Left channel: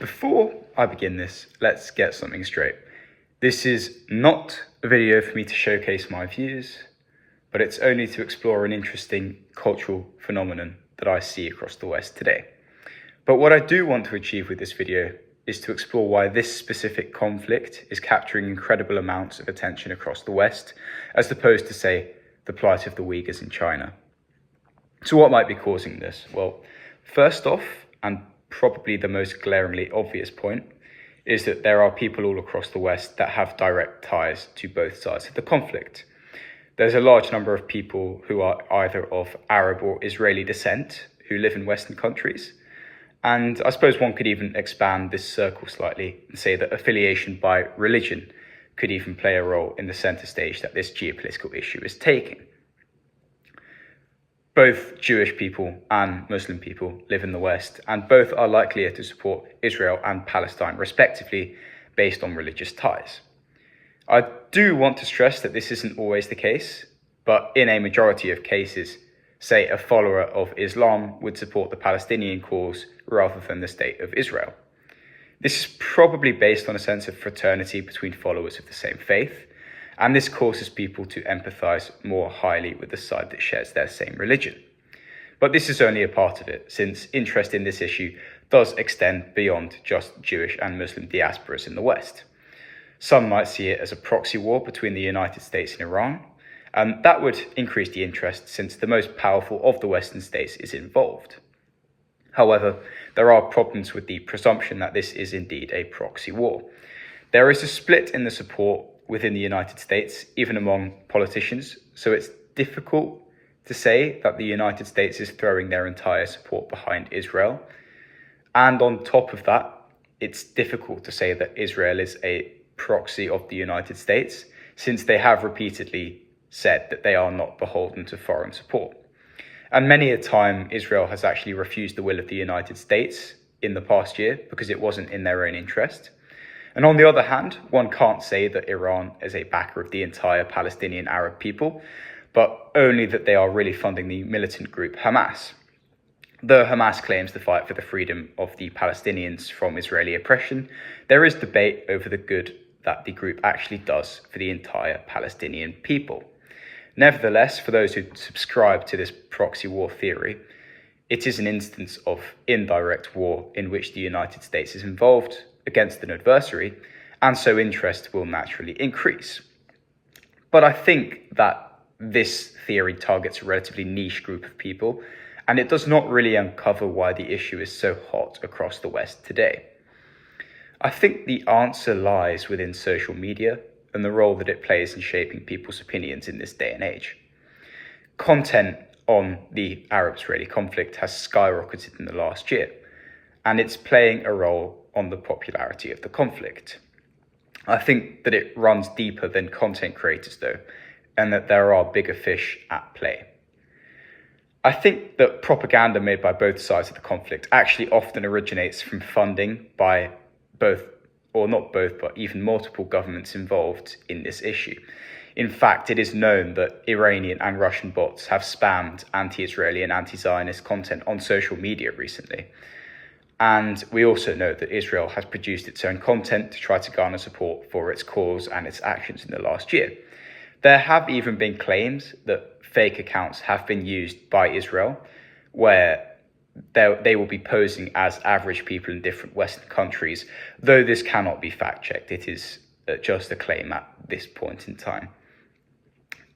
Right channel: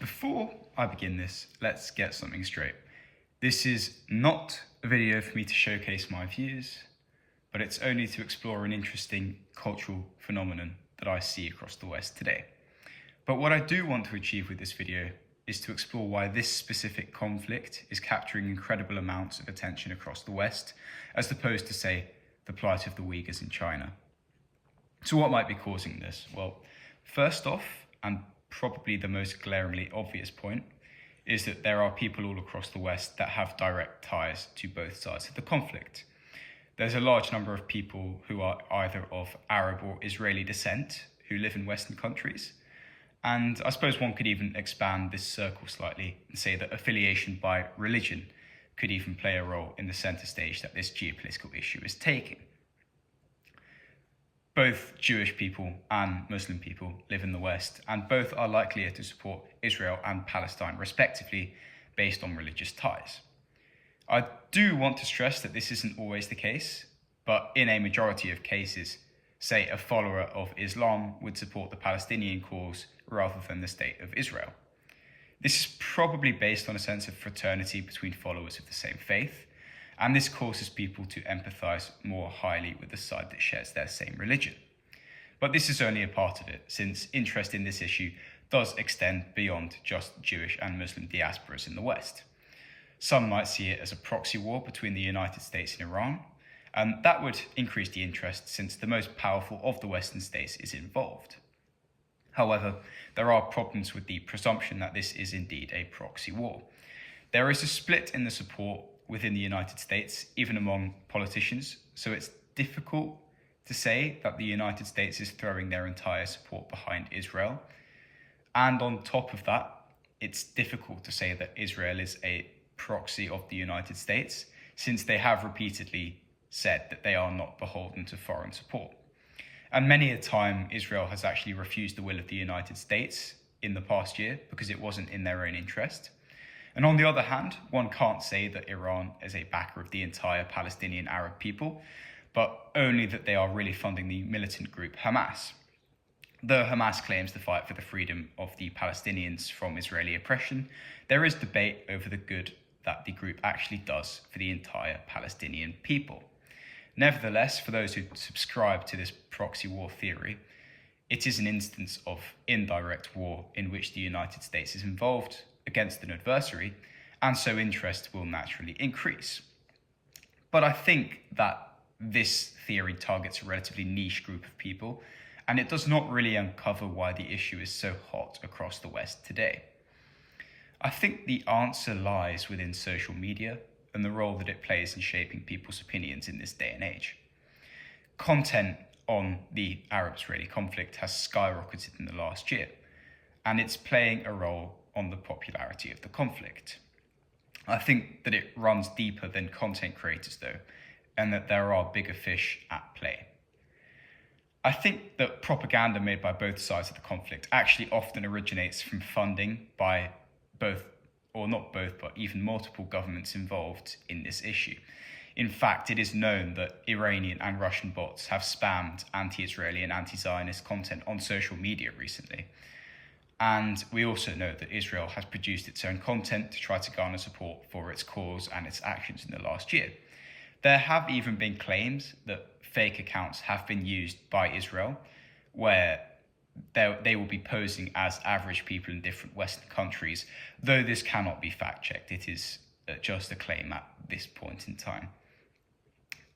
Before I begin this, let's get something straight. This is not a video for me to showcase my views, but it's only to explore an interesting cultural phenomenon that I see across the West today. But what I do want to achieve with this video is to explore why this specific conflict is capturing incredible amounts of attention across the West, as opposed to, say, the plight of the Uyghurs in China. So what might be causing this? Well, first off, and probably the most glaringly obvious point, is that there are people all across the West that have direct ties to both sides of the conflict. There's a large number of people who are either of Arab or Israeli descent who live in Western countries. And I suppose one could even expand this circle slightly and say that affiliation by religion could even play a role in the center stage that this geopolitical issue is taking. Both Jewish people and Muslim people live in the West, and both are likelier to support Israel and Palestine, respectively, based on religious ties. I do want to stress that this isn't always the case, but in a majority of cases, say a follower of Islam would support the Palestinian cause rather than the state of Israel. This is probably based on a sense of fraternity between followers of the same faith, and this causes people to empathize more highly with the side that shares their same religion. But this is only a part of it, since interest in this issue does extend beyond just Jewish and Muslim diasporas in the West. Some might see it as a proxy war between the United States and Iran, and that would increase the interest since the most powerful of the Western states is involved. However, there are problems with the presumption that this is indeed a proxy war. There is a split in the support within the United States, even among politicians, so it's difficult to say that the United States is throwing their entire support behind Israel. And on top of that, it's difficult to say that Israel is a proxy of the United States, since they have repeatedly said that they are not beholden to foreign support. And many a time, Israel has actually refused the will of the United States in the past year because it wasn't in their own interest. And on the other hand, one can't say that Iran is a backer of the entire Palestinian Arab people, but only that they are really funding the militant group Hamas. Though Hamas claims to fight for the freedom of the Palestinians from Israeli oppression, there is debate over the good that the group actually does for the entire Palestinian people. Nevertheless, for those who subscribe to this proxy war theory, it is an instance of indirect war in which the United States is involved against an adversary, and so interest will naturally increase. But I think that this theory targets a relatively niche group of people, and it does not really uncover why the issue is so hot across the West today. I think the answer lies within social media and the role that it plays in shaping people's opinions in this day and age. Content on the Arab-Israeli conflict has skyrocketed in the last year, and it's playing a role on the popularity of the conflict. I think that it runs deeper than content creators though, and that there are bigger fish at play. I think that propaganda made by both sides of the conflict actually often originates from funding by both, or not both, but even multiple governments involved in this issue. In fact, it is known that Iranian and Russian bots have spammed anti-Israeli and anti-Zionist content on social media recently. And we also know that Israel has produced its own content to try to garner support for its cause and its actions in the last year. There have even been claims that fake accounts have been used by Israel, where they will be posing as average people in different Western countries, though this cannot be fact-checked. It is just a claim at this point in time.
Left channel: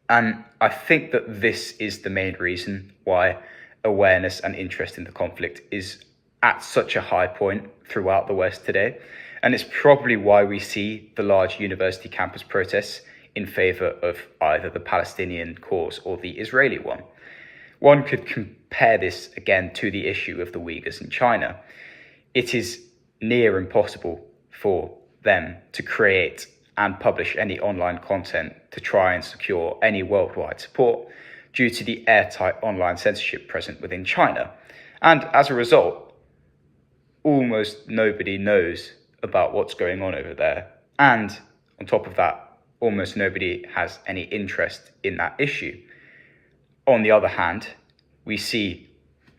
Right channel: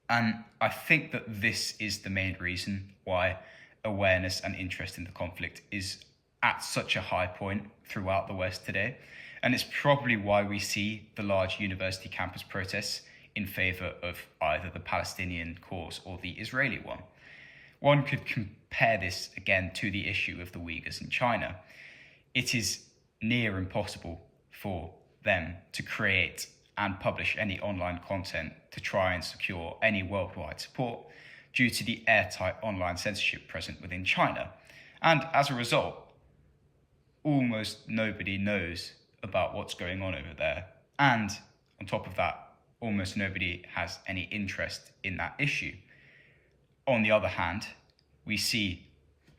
And I think that this is the main reason why awareness and interest in the conflict is at such a high point throughout the West today. And it's probably why we see the large university campus protests in favor of either the Palestinian cause or the Israeli one. One could compare this again to the issue of the Uyghurs in China. It is near impossible for them to create and publish any online content to try and secure any worldwide support due to the airtight online censorship present within China. And as a result, almost nobody knows about what's going on over there. And on top of that, almost nobody has any interest in that issue. On the other hand, we see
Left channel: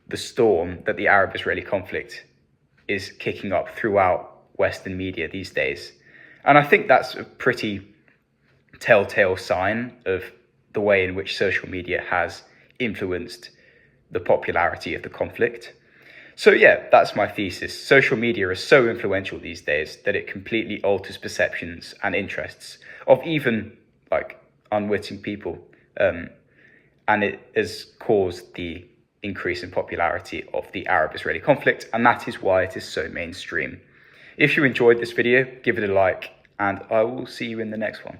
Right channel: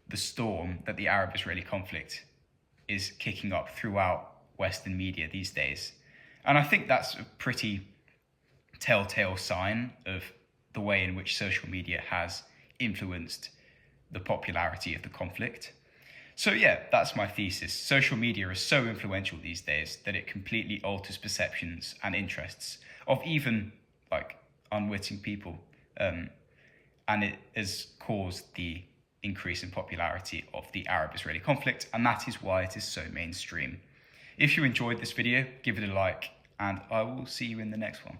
the storm that the Arab-Israeli conflict is kicking up throughout Western media these days. And I think that's a pretty telltale sign of the way in which social media has influenced the popularity of the conflict. So yeah, that's my thesis. Social media is so influential these days that it completely alters perceptions and interests of even like unwitting people. And it has caused the increase in popularity of the Arab-Israeli conflict, and that is why it is so mainstream. If you enjoyed this video, give it a like, and I will see you in the next one.